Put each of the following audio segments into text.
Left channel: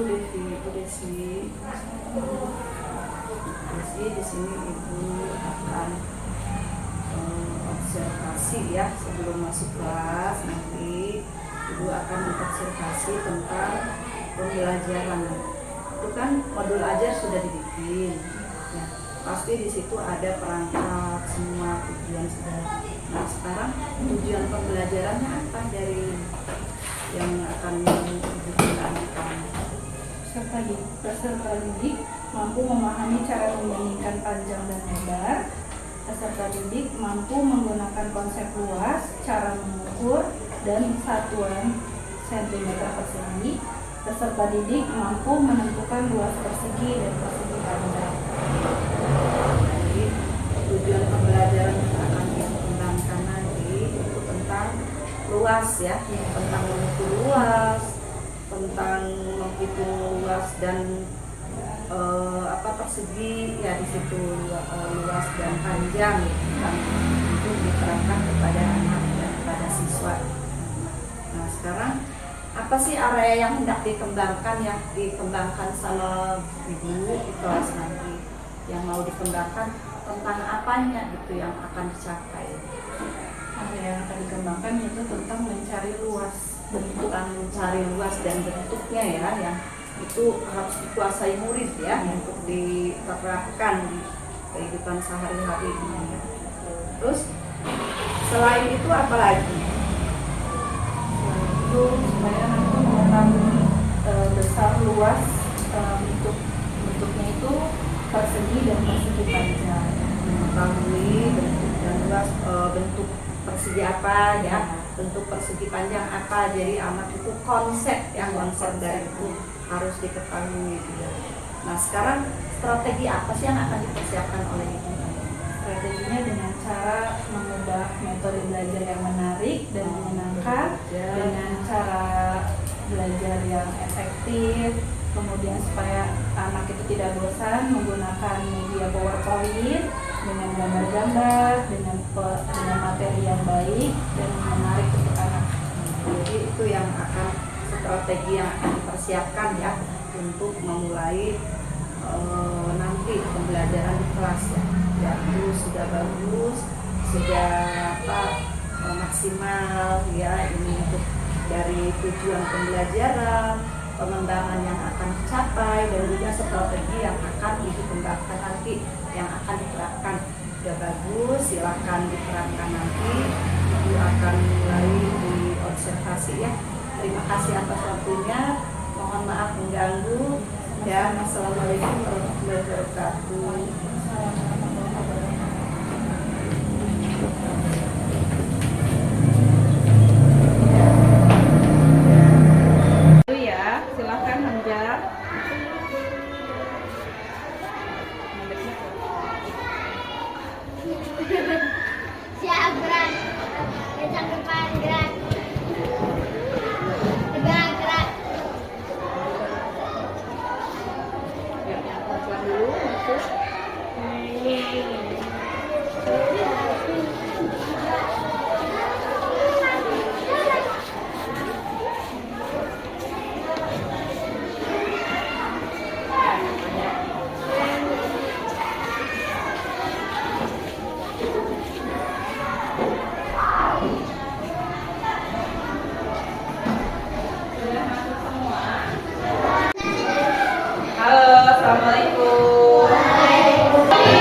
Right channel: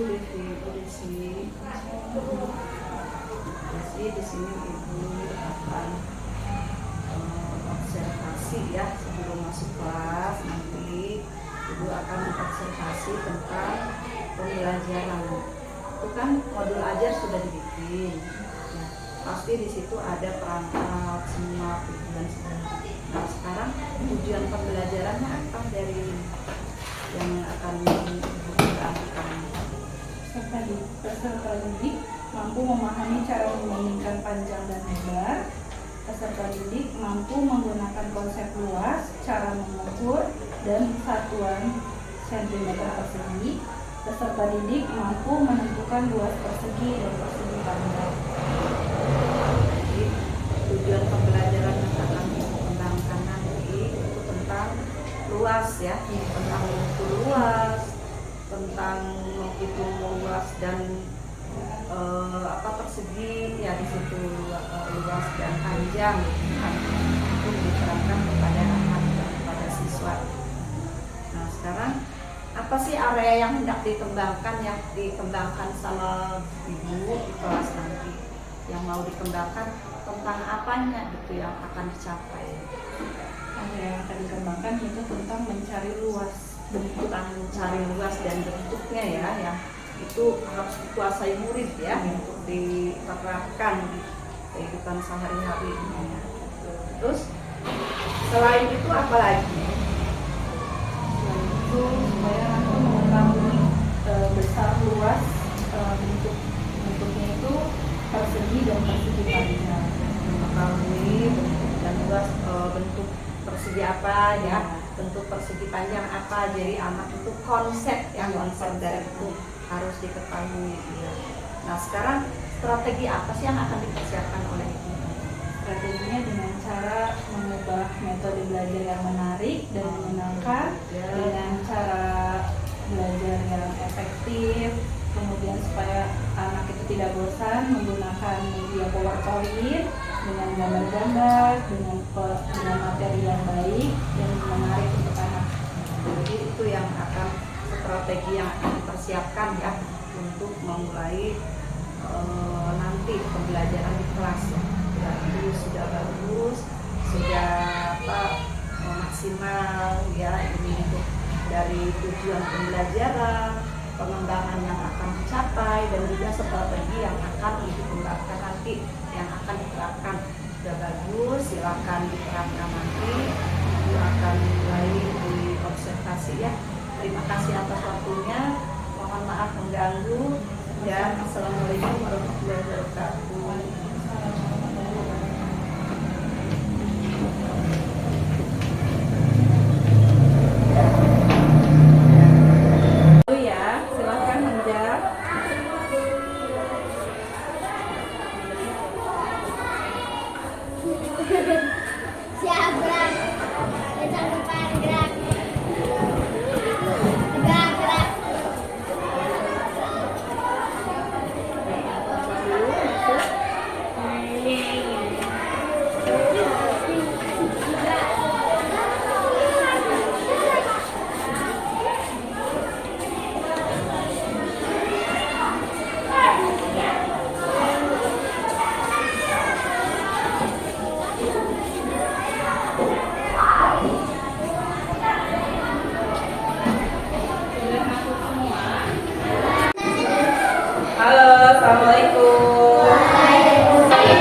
Desi. Di sini ibu akan observasi ya sebelum masuk kelas. Nanti ibu akan observasi tentang pembelajaran. Itu kan modul ajar sudah dibikin. Ya, pasti di situ ada perangkat semua tujuan segala. Nah sekarang tujuan pembelajarannya apa dari yang akan ibu jelaskan? Peserta didik mampu memahami cara membandingkan panjang dan lebar. Peserta didik mampu menggunakan konsep luas, cara mengukur, dan satuan sentimeter persegi. Peserta didik mampu menentukan luas persegi dan persegi panjang. Jadi tujuan pembelajaran yang akan dikembangkan nanti itu tentang luas ya, tentang mengukur luas, tentang menghitung luas dan persegi ya, di situ luas dan panjang kan, untuk diterangkan kepada anak ya, kepada siswa. Nah sekarang apa sih area yang hendak dikembangkan sama ibu di kelas nanti, yang mau dikembangkan tentang apanya gitu yang akan dicapai? Area yang akan dikembangkan itu tentang mencari luas, tentang mencari luas dan bentuknya ya, yang itu harus dikuasai murid ya, untuk diterapkan di kehidupan sehari-hari. Terus selain itu apa lagi? Itu supaya nanti mengetahui besar luas bentuknya itu persegi dan persegi panjang. Mengetahui bentuk dan luas, bentuk persegi apa ya, bentuk persegi panjang apa. Jadi anak itu konsep dari itu harus diketahui ya. Nah sekarang strategi apa sih yang akan dipersiapkan oleh ibu? Strateginya dengan cara mengubah metode belajar yang menarik dan menyenangkan dengan cara belajar yang efektif, kemudian supaya anak itu tidak bosan menggunakan media PowerPoint dengan gambar-gambar, dengan materi yang baik dan menarik untuk anak. Jadi itu yang akan strategi yang akan dipersiapkan ya untuk memulai nanti pembelajaran di kelas ya. Ya itu sudah bagus, sudah maksimal ya, ini untuk dari tujuan pembelajaran, pengembangan yang akan dicapai, dan juga strategi yang akan dikembangkan nanti yang akan diterapkan. Sudah bagus, silakan diterapkan nanti. Ibu akan mulai diobservasi ya. Terima kasih atas waktunya. Mohon maaf mengganggu, dan assalamualaikum warahmatullahi wabarakatuh. Ya, silakan Hamza. Siap, gerak. Datang depan, gerak. Gerak, gerak. Perempuan dulu masuk. Halo, assalamualaikum. Bye.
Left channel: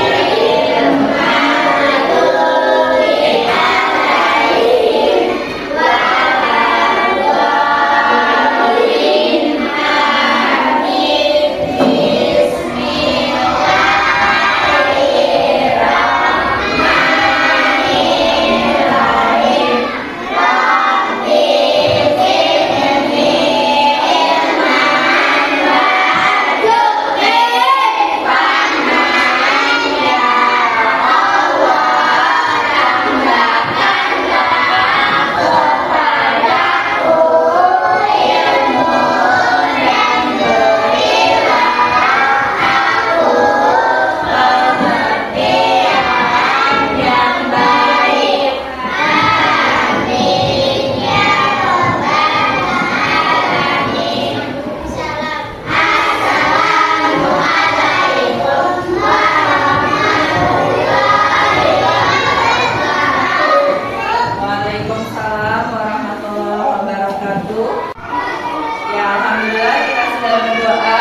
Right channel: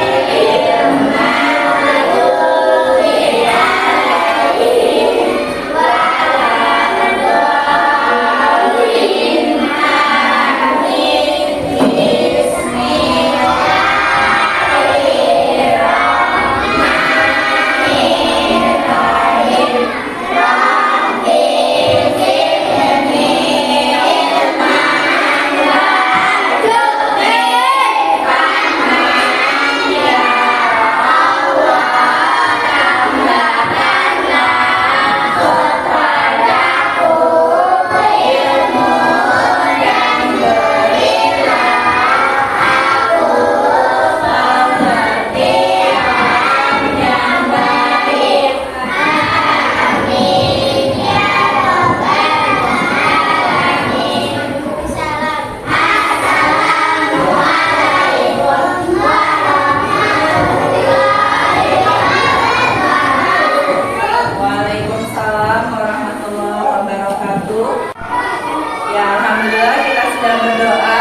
sudah berdoa.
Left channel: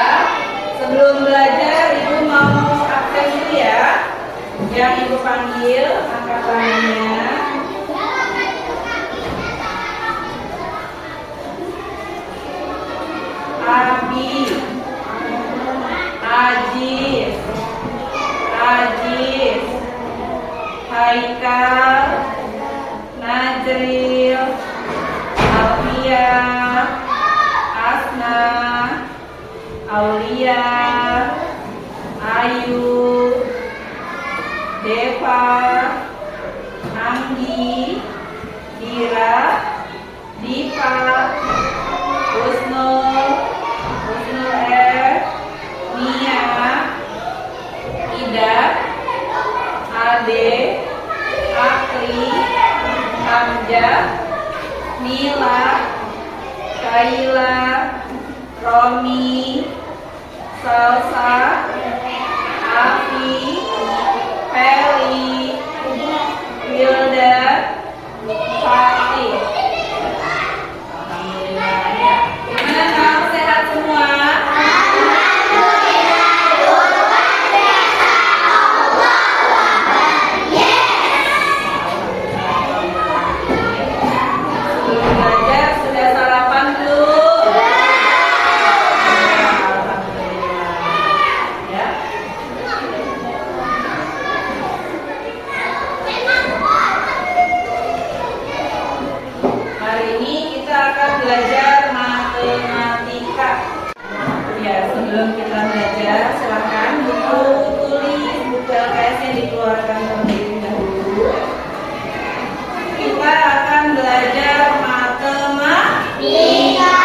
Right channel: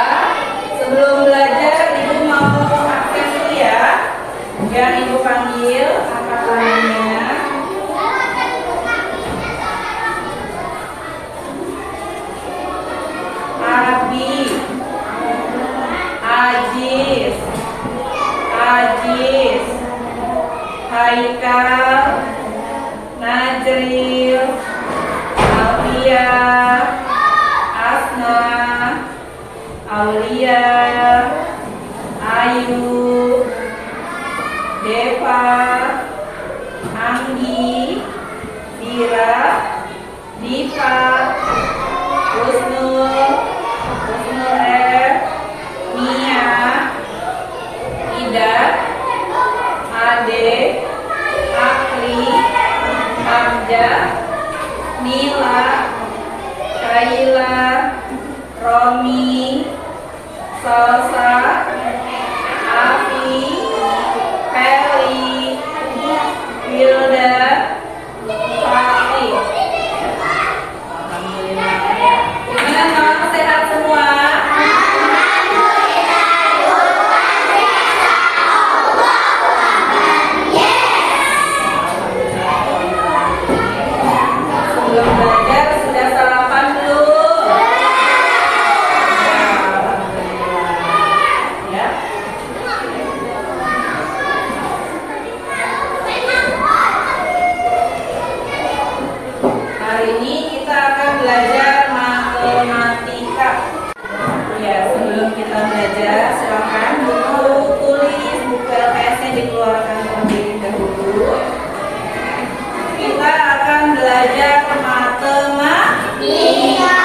Sebelum belajar, Ibu mau absen itu ya. Yang Ibu panggil, angkat tangannya. Abi, Ajis, Ajis, Haikal, Najril, Alfia, Asna, Aulia, Ayu, Deva, Anggi, Dira, Diva, Husnul, Husnul F, Mia, Ida, Ade, Akri, Hamja, Nila, Kaila, Romi, Salsa, Afi, Feli, Wilda, Fatih. Alhamdulillah ya. Gimana kamu sehat semua? Sebelum belajar sudah sarapan belum? Alhamdulillah. Ya. Hari ini kita akan belajar matematika. Ya, sebelum kita belajar, silakan buku tulis, buku LKS-nya dikeluarkan terlebih dahulu. Kita akan belajar matematika.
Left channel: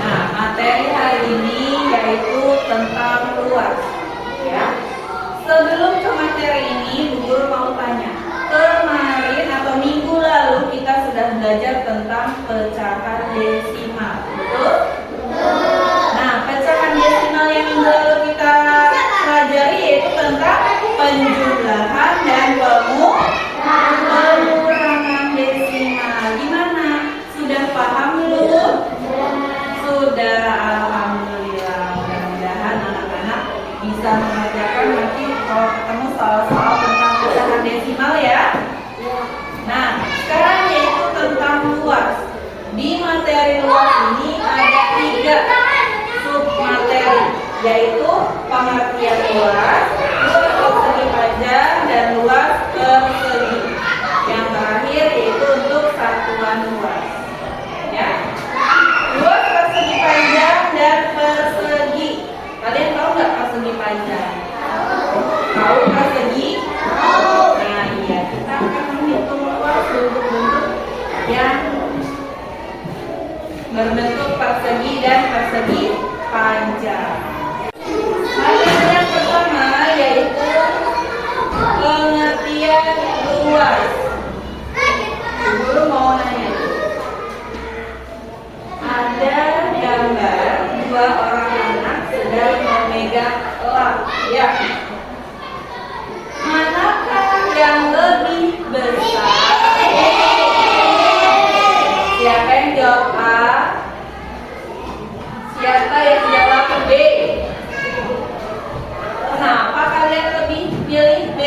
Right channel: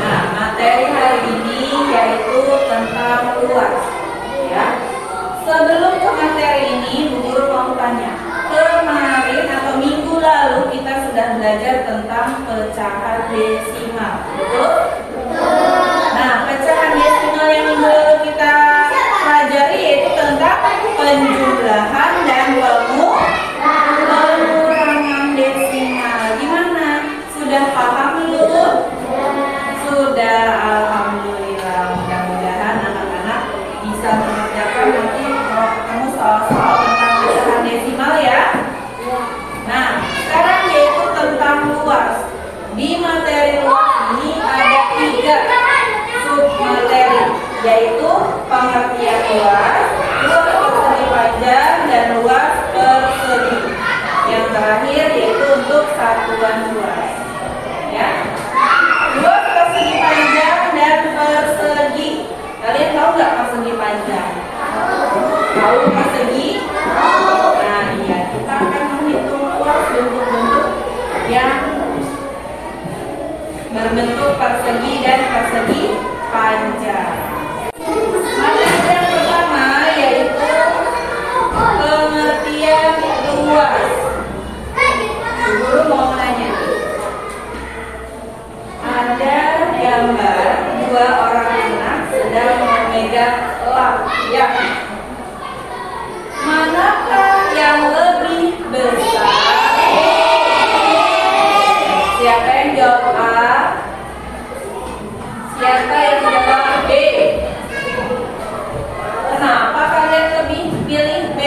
Nah, materi hari ini yaitu tentang luas. Ya. Sebelum ke materi ini, Bu Guru mau tanya. Kemarin atau minggu lalu kita sudah belajar tentang pecahan desimal, betul? Nah, pecahan desimal yang minggu lalu kita pelajari yaitu tentang penjumlahan dan pengurangan desimal. Gimana? Sudah paham belum? Sudah, alhamdulillah. Mudah-mudahan anak-anak bisa mengerjakan nanti kalau ketemu soal-soal tentang pecahan desimal ya. Nah, sekarang yaitu tentang luas. Di materi luas ini ada 3 submateri, yaitu pengertian luas, luas persegi panjang, dan luas persegi. Yang terakhir yaitu untuk satuan luas. Ya. Luas persegi panjang dan persegi. Kalian tahu nggak persegi panjang? Tahu persegi? Nah, iya, kita akan menghitung luas bentuk-bentuk yang berbentuk persegi dan persegi panjang. Materi yang pertama yaitu pengertian luas. Guru mau nanya. Ada gambar 2 orang anak sedang memegang lap. Ya. Manakah yang lebih besar? Siapa yang jawab A? Siapa yang jawab B? Kenapa kalian lebih pilih B?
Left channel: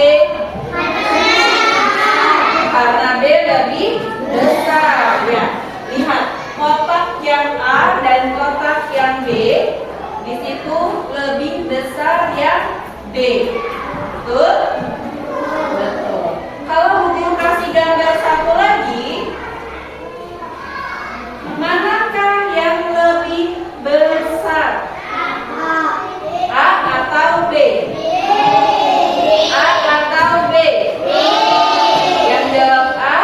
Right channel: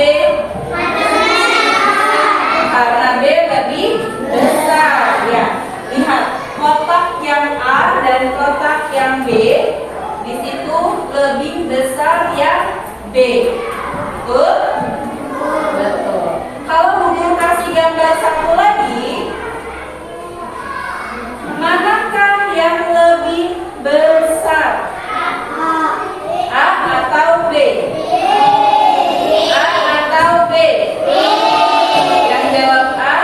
Karena B lebih besar. Ya. Lihat kotak yang A dan kotak yang B, di situ lebih besar yang B. Betul? Betul. Kalau Bu Guru kasih gambar satu lagi, manakah yang lebih besar? A atau B? A atau B? Yang jawab A?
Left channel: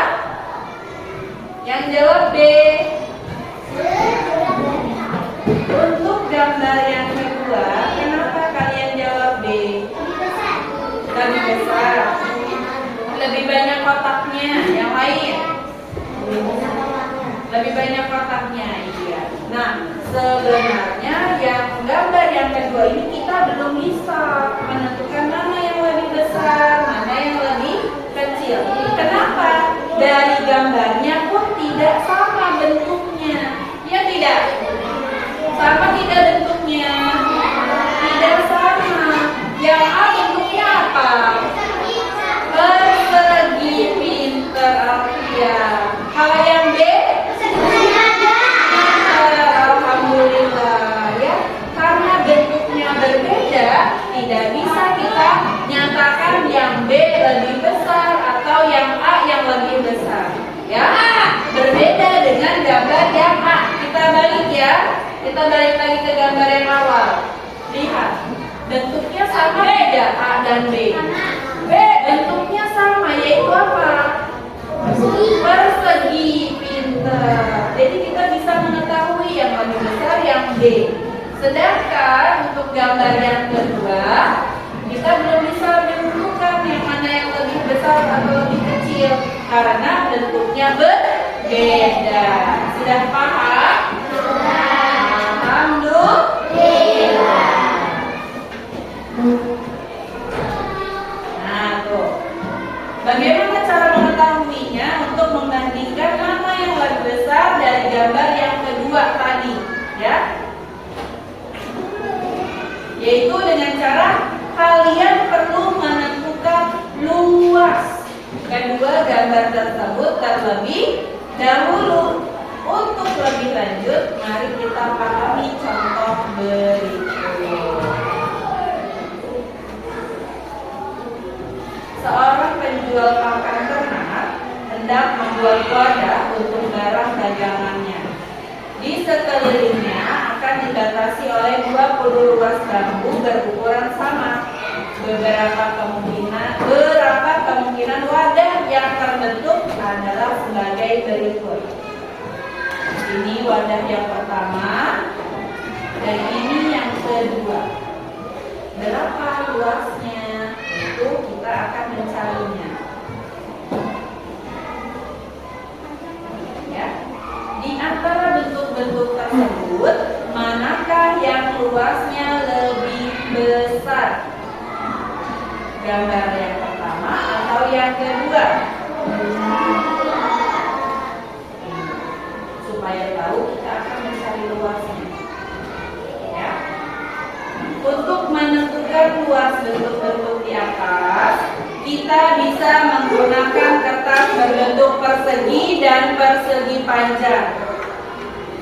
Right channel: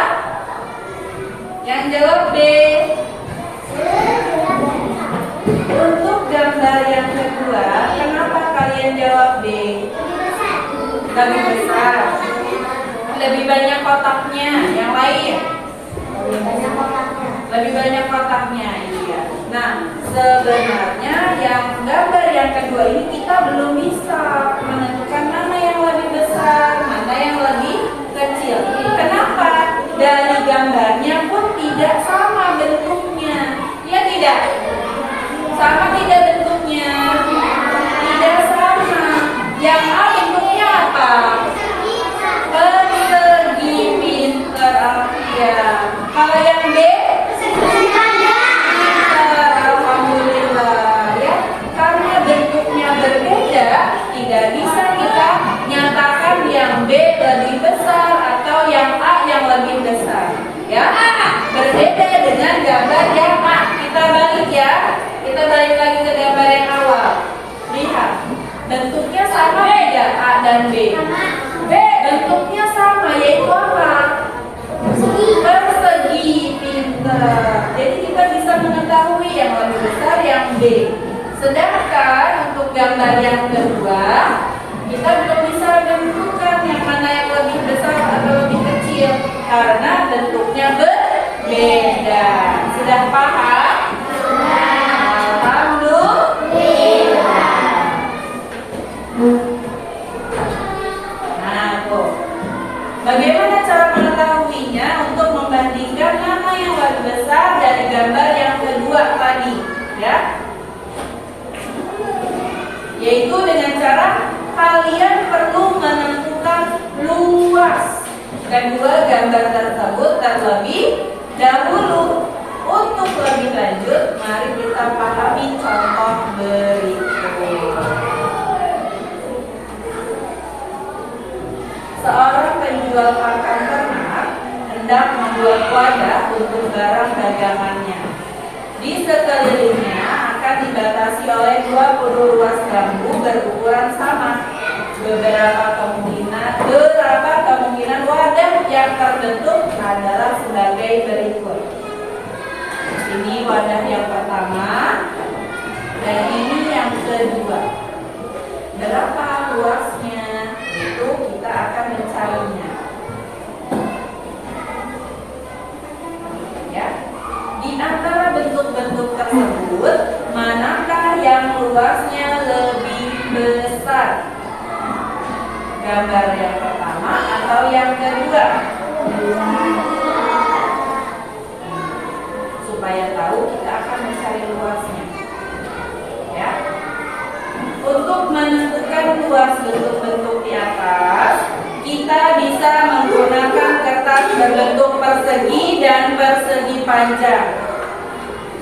Yang jawab B? Untuk gambar yang kedua, kenapa kalian jawab B? Lebih besar. Lebih banyak kotaknya. Yang lain? Lebih banyak kotaknya. Iya. Nah, sebenarnya yang gambar yang kedua ini kita belum bisa lebih besar atau yang A yang lebih besar. Ya, berbeda dengan gambar yang A. Kita balik ya. Kita balik lagi ke gambar yang awal. Lihat, bentuknya sama tidak A dan B? Bentuknya sama, yaitu apa? Persegi. Pintar. Jadi kita bisa mengetahui yang lebih besar yang B. Sedangkan untuk gambar yang kedua, kita belum bisa menentukan yang mana yang lebih besar atau lebih kecil karena bentuknya berbeda. Sudah paham? Alhamdulillah. Nah, tuh. Bagaimana cara mengetahuinya untuk membandingkan mana yang lebih besar dari gambar yang kedua tadi, ya? Yaitu dengan cara kalian perlu menentukan luas kedua gambar tersebut terlebih dahulu. Untuk lebih lanjut, mari kita pahami contoh berikut. Seorang penjual pakan ternak hendak membuat wadah untuk barang dagangannya. Di sekelilingnya akan dibatasi oleh 20 ruas bambu berukuran sama. Berapa kemungkinan wadah yang terbentuk adalah sebagai berikut. Ini wadah yang pertama dan ini yang kedua. Berapa luasnya? Itu kita akan mencarinya. Ya. Di antara bentuk-bentuk tersebut, manakah yang luasnya lebih besar? Gambar yang pertama atau yang kedua? Supaya tahu kita akan mencari luasnya. Ya. Untuk menentukan luas bentuk-bentuk di atas, kita bisa menggunakan kertas berbentuk persegi dan persegi panjang.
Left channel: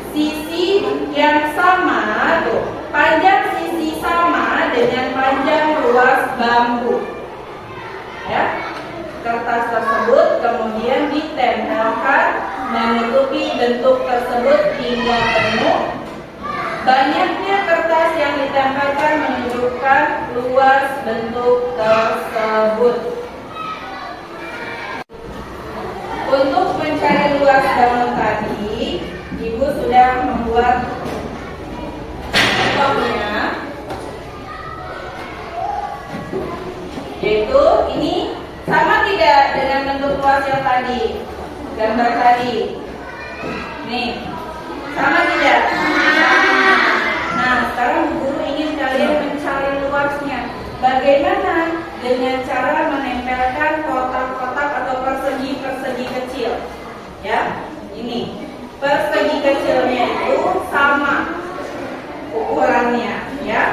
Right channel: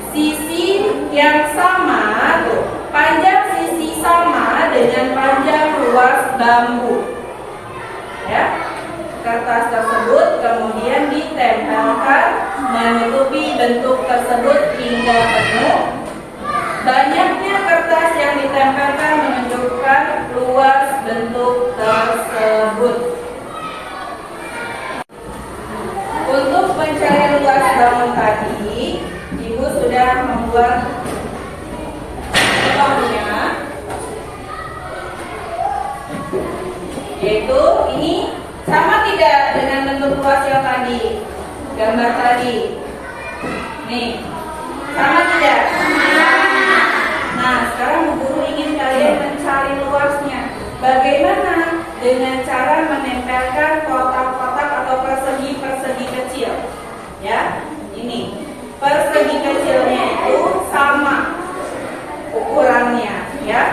Sisi yang sama, tuh, panjang sisi sama dengan panjang luas bambu. Ya, kertas tersebut kemudian ditempelkan menutupi bentuk tersebut hingga penuh. Banyaknya kertas yang ditempelkan menunjukkan luas bentuk tersebut. Untuk mencari luas bangun tadi, Ibu sudah membuat contohnya, yaitu ini sama tidak dengan bentuk luas yang tadi, gambar tadi. Nih, sama tidak? Nah, sekarang Bu Guru ingin kalian mencari luasnya. Bagaimana? Dengan cara menempelkan kotak-kotak atau persegi-persegi kecil. Ya, ini persegi kecilnya itu sama ukurannya, ya.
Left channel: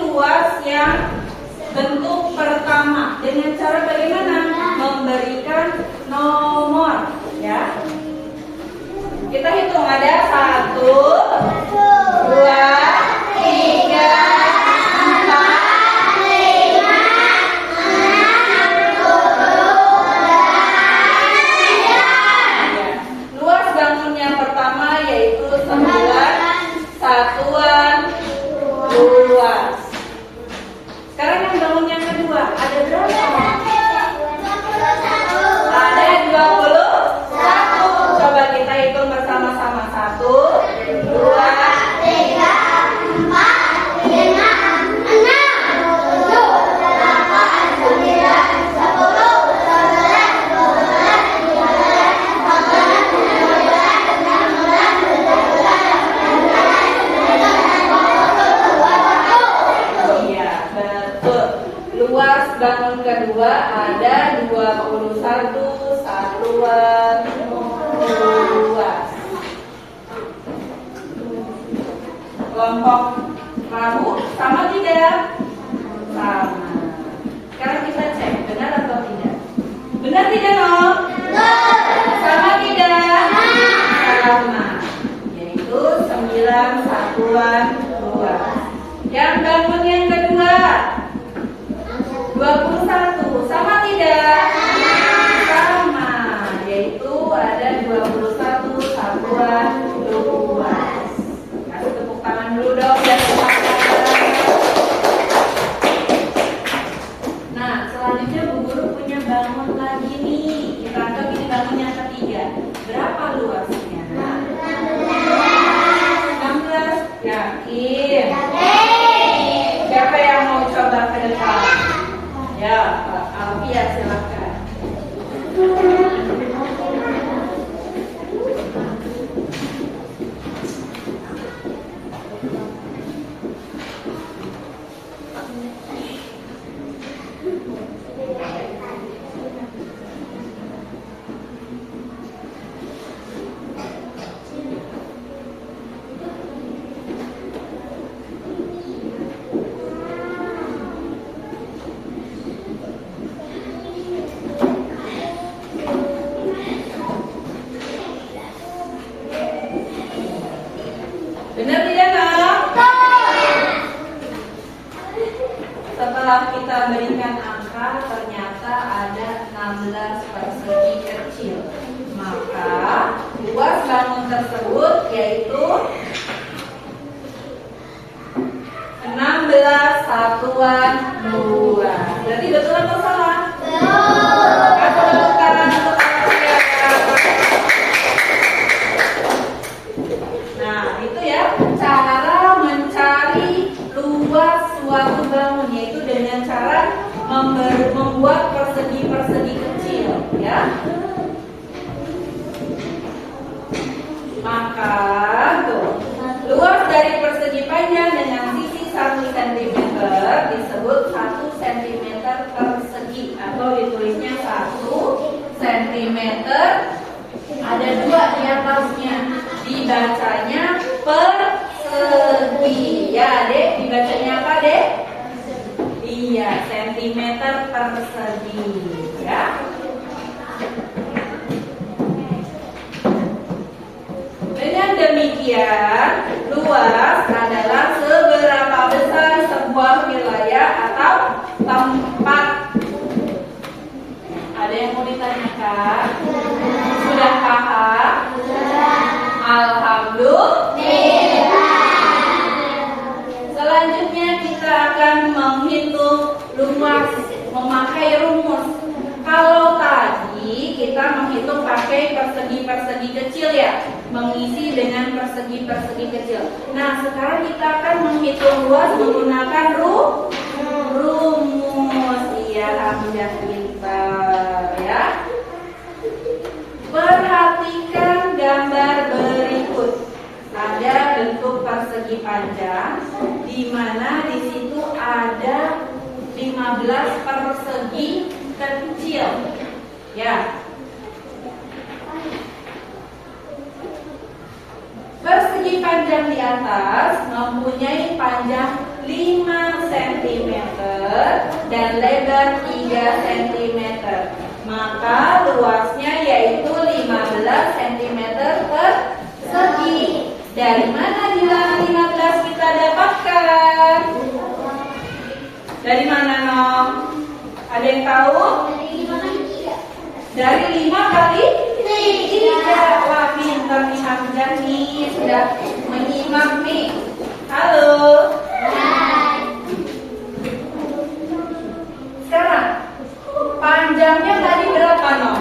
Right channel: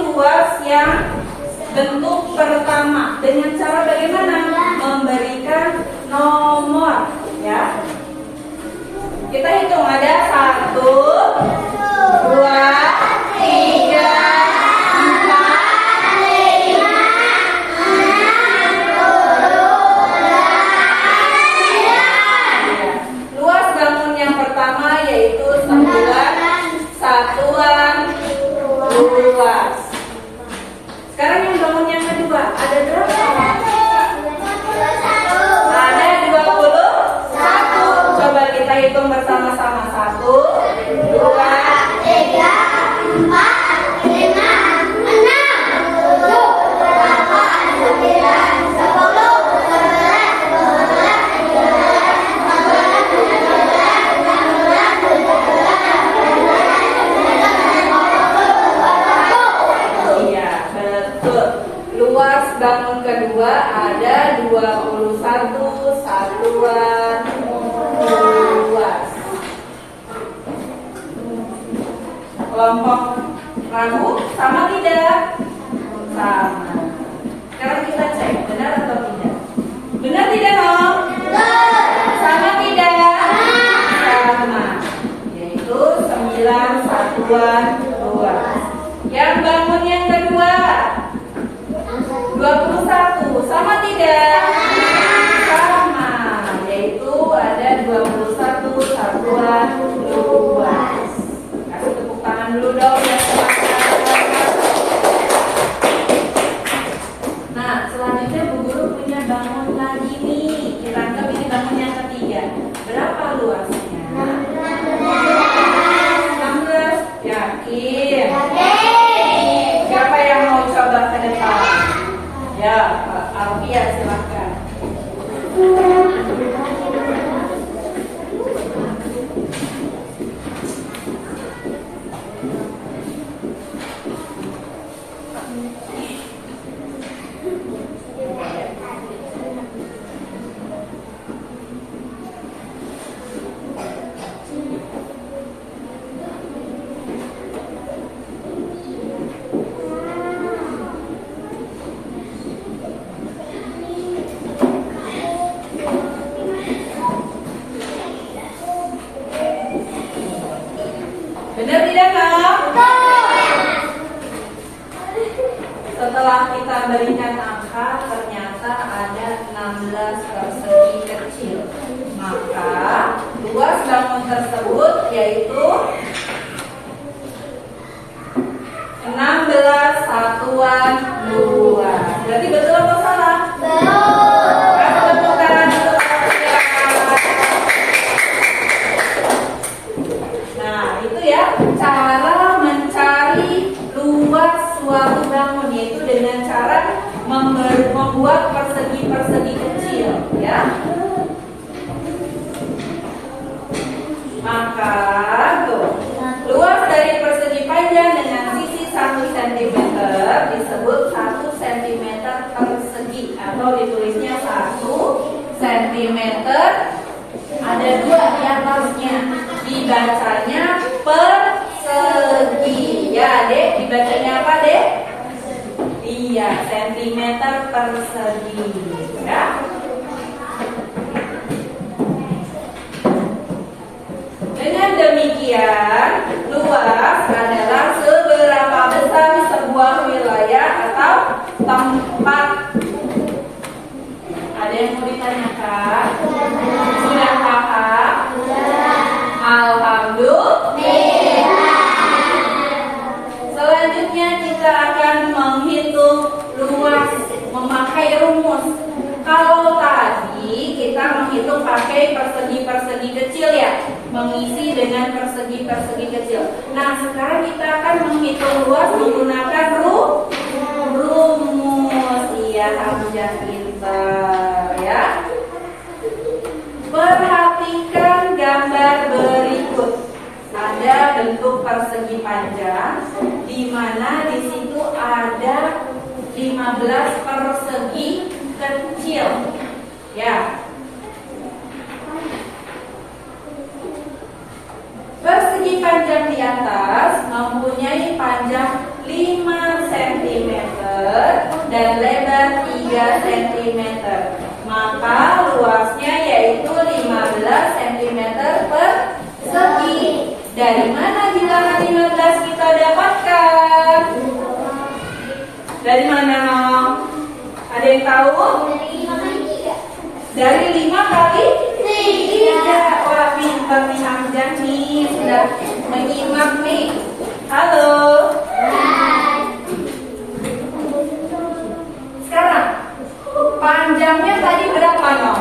luas yang bentuk pertama. Dengan cara bagaimana? Memberikan nomor, ya. Kita hitung, ada 1, 2, 3, 4, 5, 6, 7, 8, 9. Luas bangun yang pertama yaitu 9 satuan luas. Sekarang yang bangun yang kedua ada berapa? Ada 21. Coba kita hitung bersama-sama. 1, 2, 3, 4, 5, 6, 7, 8, 9, 10, 11, 12, 13, 14, 15, 16, 17, 18, 19, 20, 21. Iya, betul. Luas bangun kedua ada 21 satuan luas. Kelompok ragu sama tidak? Sama. Sekarang kita cek benar atau tidak. Benar tidak, Nom? Sama tidak? Sama. Yaitu 9 satuan luas. Yang bangun yang kedua 21. Sama tidak? Sama. Yaitu ada 21 satuan luas. Kasih tepuk tangan dulu dong ya. Nah, selanjutnya Bu Guru punya bangun lagi nih. Kita anggap ini bangun yang ketiga. Berapa luasnya? 16. Yakin? Siapa yang mau coba ke depan? Ya, Pak Alfia silakan. Benar tidak, Kak? Setelah kita berikan angka, ternyata ada 16 persegi kecil. Maka luas bangun tersebut yaitu 16 satuan luas. Berarti betul atau salah? Kasih tepuk tangan untuk Alfia. Nah, itu ya cara mencari luas suatu bangun, yaitu dengan cara membuat persegi-persegi kecil, ya. Maka tuh, luas dari persegi panjang dengan sisi 1 cm disebut 1 cm persegi, atau ditulisnya 1 cm. Ada 2 di atasnya, dibacanya persegi. Ya, Dek, dibacanya apa, Dek? Iya, sentimeter persegi, ya. Dengan demikian, luas adalah seberapa besar sebuah wilayah atau tempat. Ada yang mau ditanyakan? Sudah paham? Alhamdulillah. Selanjutnya kita akan menghitung luas memakai rumus. Kalau tadi kita menghitung pakai persegi-persegi kecil ya, mengisi dengan persegi-persegi kecil. Nah, sekarang kita akan menghitung luas menggunakan rumus. Iya, Hamzah pintar ya. Perhatikan gambar berikut. Ada bentuk persegi panjang, di mana di situ ada 15 persegi kecil. Ya. Persegi panjang di atas mempunyai panjang 5 cm. dan lebar 3 cm. Maka luasnya yaitu 15 cm persegi. Dari mana bilangan 15 kita dapatkan? Dari mana, Nom? Ada yang tahu? Dari 5 kali 3. Wah, pintar nih Hamzah nih, sudah menyimak nih. Halo. Sekarang panjangnya tadi berapa, Nom?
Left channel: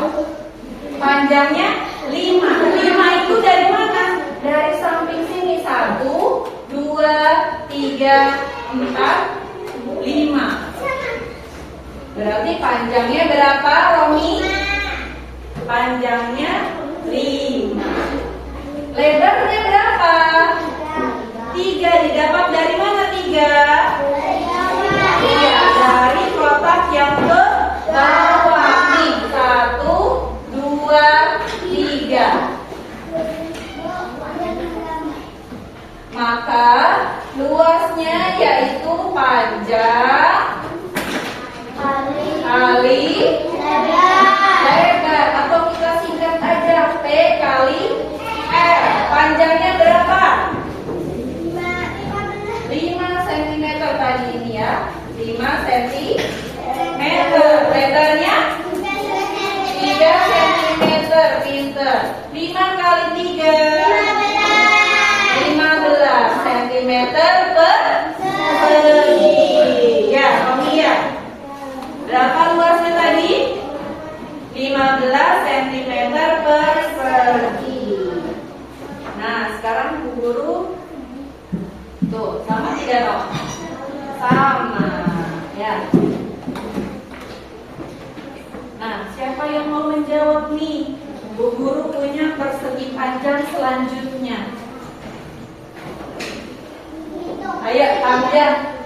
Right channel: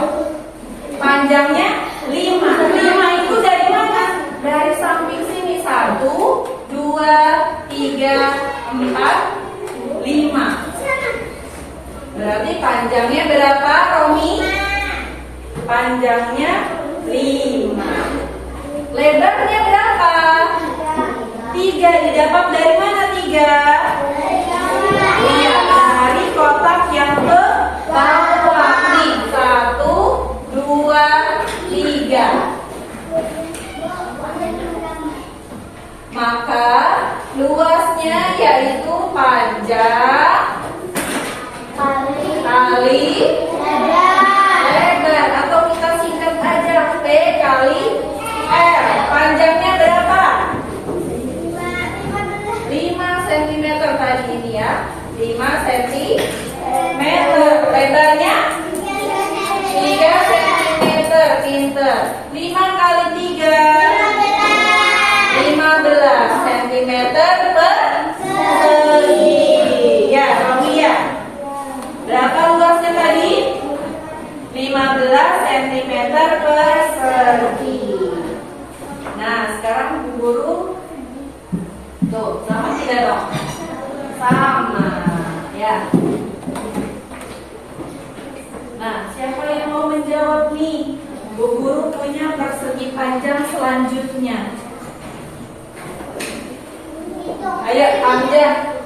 Panjangnya 5. 5 itu dari mana? Dari samping sini. 1, 2, 3, 4, 5. Berarti panjangnya berapa, Romi? Panjangnya 5. Lebarnya berapa? 3. Didapat dari mana 3? Iya, dari kotak yang ke bawah nih. 1, 2, 3. Maka luasnya yaitu panjang kali lebar, atau kita singkat aja P kali R. Panjangnya berapa? 5 cm tadi ini ya. 5 cm. Lebarnya 3 cm. Pinter. 5 kali 3 15 cm persegi. Ya, Romi ya. Berapa luasnya tadi? 15 cm persegi. Nah, sekarang Bu Guru tuh, sama tidak dong? Sama, ya. Nah, siapa yang mau menjawab nih? Bu Guru punya persegi panjang selanjutnya. Ayo, Hamzah.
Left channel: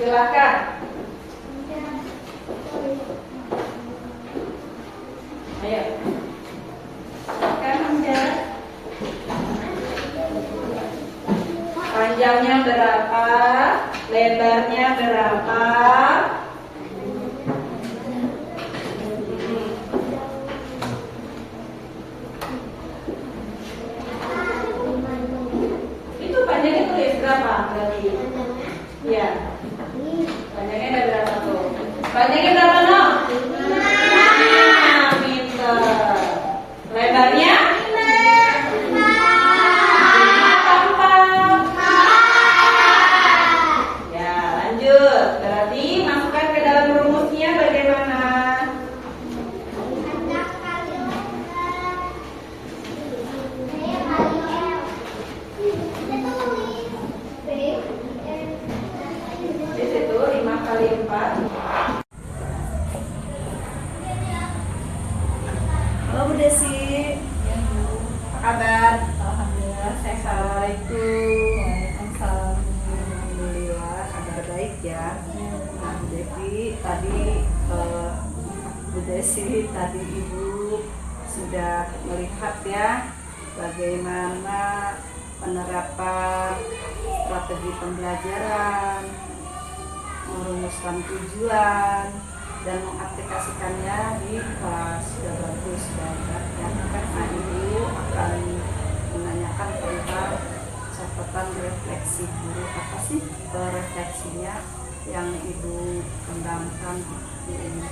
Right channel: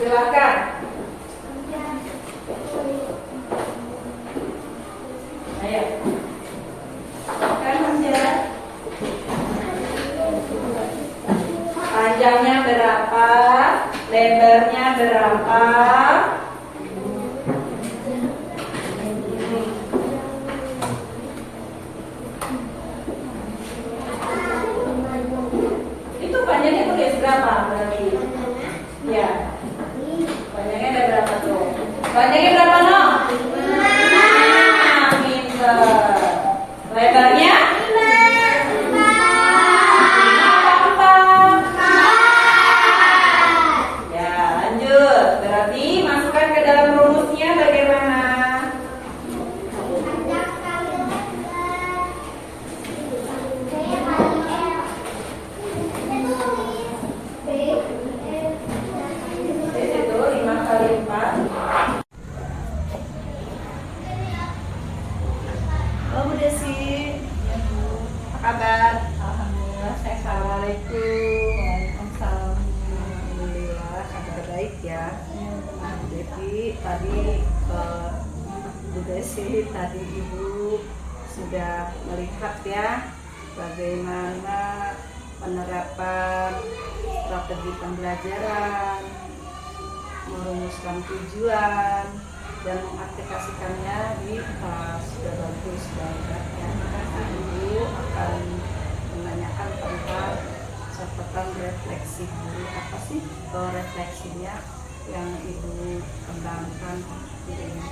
Silakan. Ayo. Kan Hamzah. Panjangnya berapa? Lebarnya berapa? Itu panjangnya tulis berapa berarti? Ya. Panjangnya ada berapa tuh? Panjangnya berapa, No? 5. Pinter. Lebarnya? 5. Ya, lanjut. Berarti masukkan ke dalam rumusnya bagaimana? Di situ 5 kali 4. Halo Bu Desi, apa kabar? Alhamdulillah sehat. Assalamualaikum. Waalaikumsalam. Alhamdulillah kabar baik ya. Nah, Bu Desi tadi Ibu sudah melihat ya bagaimana penerapan strategi pembelajaran, merumuskan tujuan dan mengaplikasikannya di kelas. Sudah bagus dan ya. Nah, Ibu akan menanyakan tentang catatan refleksi guru. Apa sih refleksinya yang Ibu kembangkan ini?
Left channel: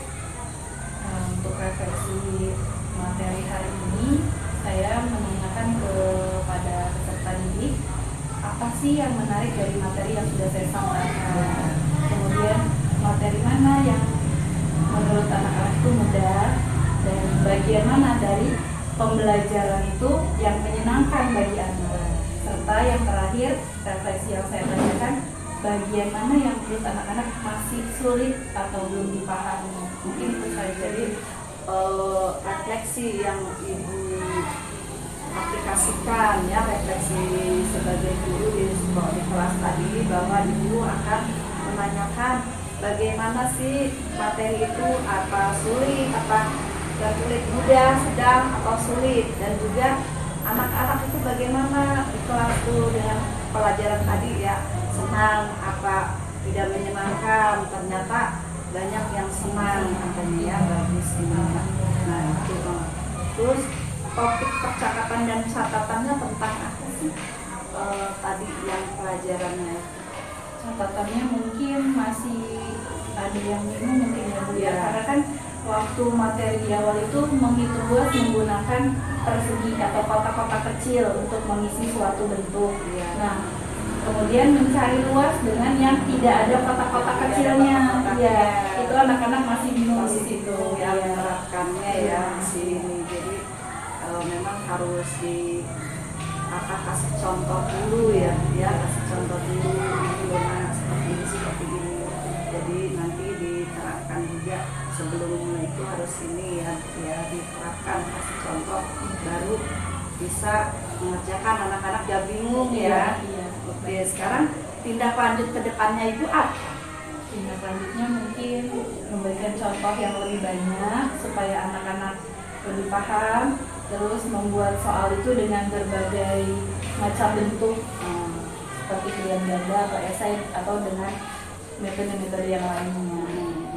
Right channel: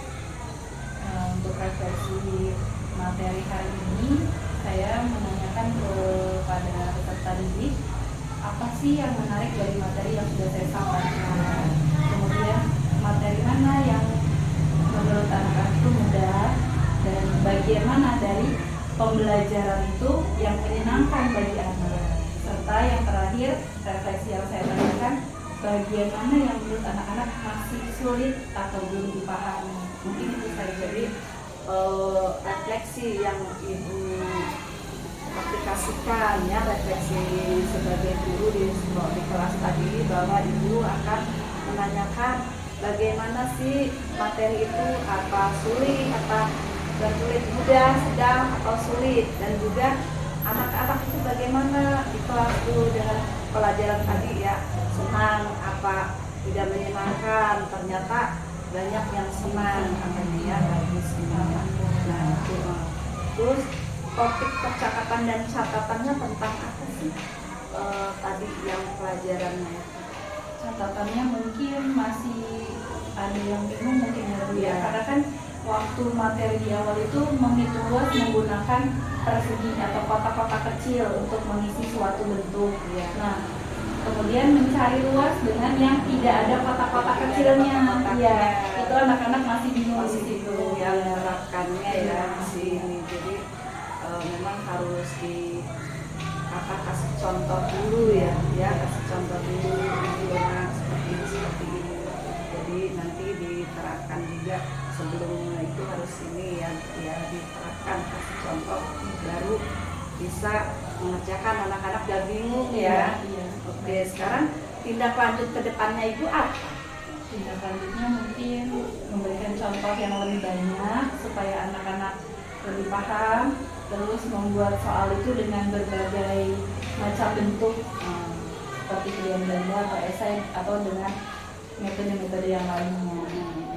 Untuk refleksi materi hari ini, saya menanyakan kepada peserta didik apa sih yang menarik dari materi yang sudah saya sampaikan. Kemudian materi mana yang menurut anak-anak itu mudah, dan bagian mana dari pembelajaran itu yang menyenangkan bagi anak. Serta yang terakhir, refleksi yang saya tanyakan, bagian mana yang menurut anak-anak masih sulit atau belum dipahami. Mungkin itu saja. Jadi refleksi yang Ibu aplikasikan ya, refleksi sebagai guru di kelas tadi, bahwa Ibu akan menanyakan bagaimana sih materi itu, apa sulit, apa dan sulit, mudah, sedang, atau sulit, dan juga anak-anak itu bagaimana di kelas itu dengan pelajaran tadi ya, senang apa tidak menyenangkan. Ternyata banyak yang senang katanya ya, bagus ini. Nah itu terus topik percakapan dan catatannya tentang apa sih tadi yang pelajarannya? Catatannya mungkin masih ada yang bingung mungkin ya Bu ya, Iya. karena kan waktu materi di awal itu menghitung luas menggunakan persegi atau kotak-kotak kecil untuk mengisi suatu bentuk. Iya. Nah, kemudian mencari luas dengan yang tidak ada kotak-kotak kecilnya. Iya, itu anak-anak masih bingung di situ. Itu yang Iya. menerapkannya ya di sini. Jadi memang harus di kasih contoh dulu ya, kasih contoh dulu ini loh Mas, seperti ini. Jadi nanti diterapkan juga sebelum itu harus ini ya diterapkan kasih contoh baru bisa mengerjakan, anak-anak gak bingung ya. Iya. Oke, sekarang tindak lanjut ke depannya Ibu apa? Tindak lanjutnya mungkin memberikan contoh yang lebih banyak supaya anak-anak lebih paham, terus membuat soal itu dengan berbagai macam bentuk seperti pilihan ganda atau esai atau dengan metode-metode yang lainnya.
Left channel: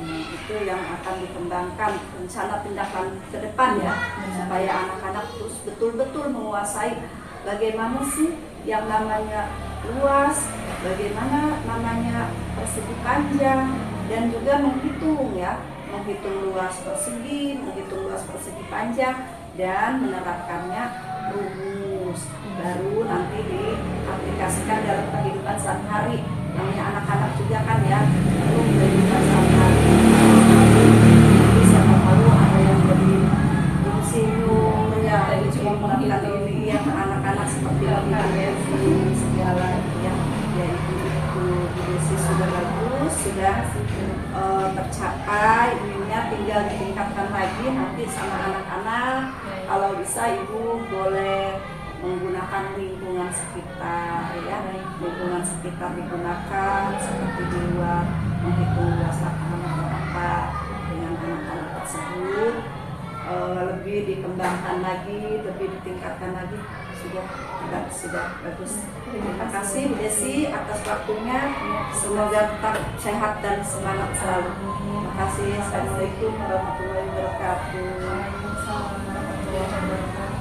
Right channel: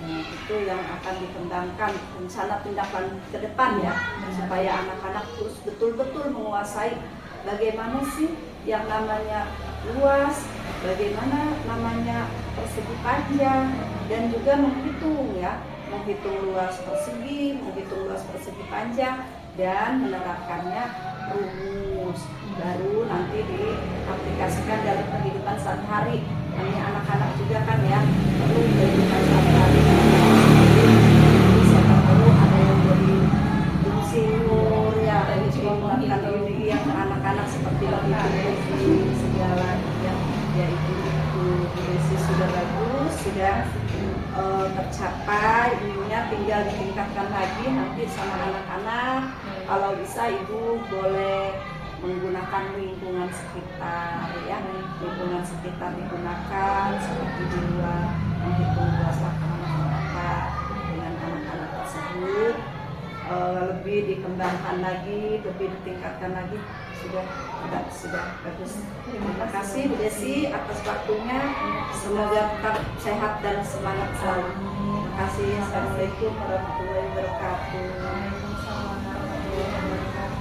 Itu yang akan dikembangkan rencana tindak lanjut ke depan ya, supaya anak-anak terus betul-betul menguasai bagaimana sih yang namanya luas, bagaimana namanya persegi panjang, dan juga menghitung ya, menghitung luas persegi, menghitung luas persegi panjang, dan menerapkannya rumus baru nanti diaplikasikan dalam kehidupan sehari-hari. Namanya anak-anak juga kan ya perlu kehidupan sehari-hari. Nanti siapa tahu ada yang jadi insinyur ya, cuma menggunakan diri ya, anak-anak seperti itu segala ya. Ya itu Desi sudah bagus, sudah tercapai ininya, tinggal ditingkatkan lagi nanti sama anak-anak. Kalau bisa Ibu boleh menggunakan lingkungan sekitar ya, lingkungan sekitar digunakan seperti di luar, menghitung luas lapangan atau apa dengan anak-anak tersebut. Lebih dikembangkan lagi, lebih ditingkatkan lagi, sudah bagus. Terima kasih Bu Desi atas waktunya, semoga tetap sehat dan semangat selalu. Terima kasih. Assalamualaikum warahmatullahi wabarakatuh. Waalaikumsalam warahmatullahi wabarakatuh.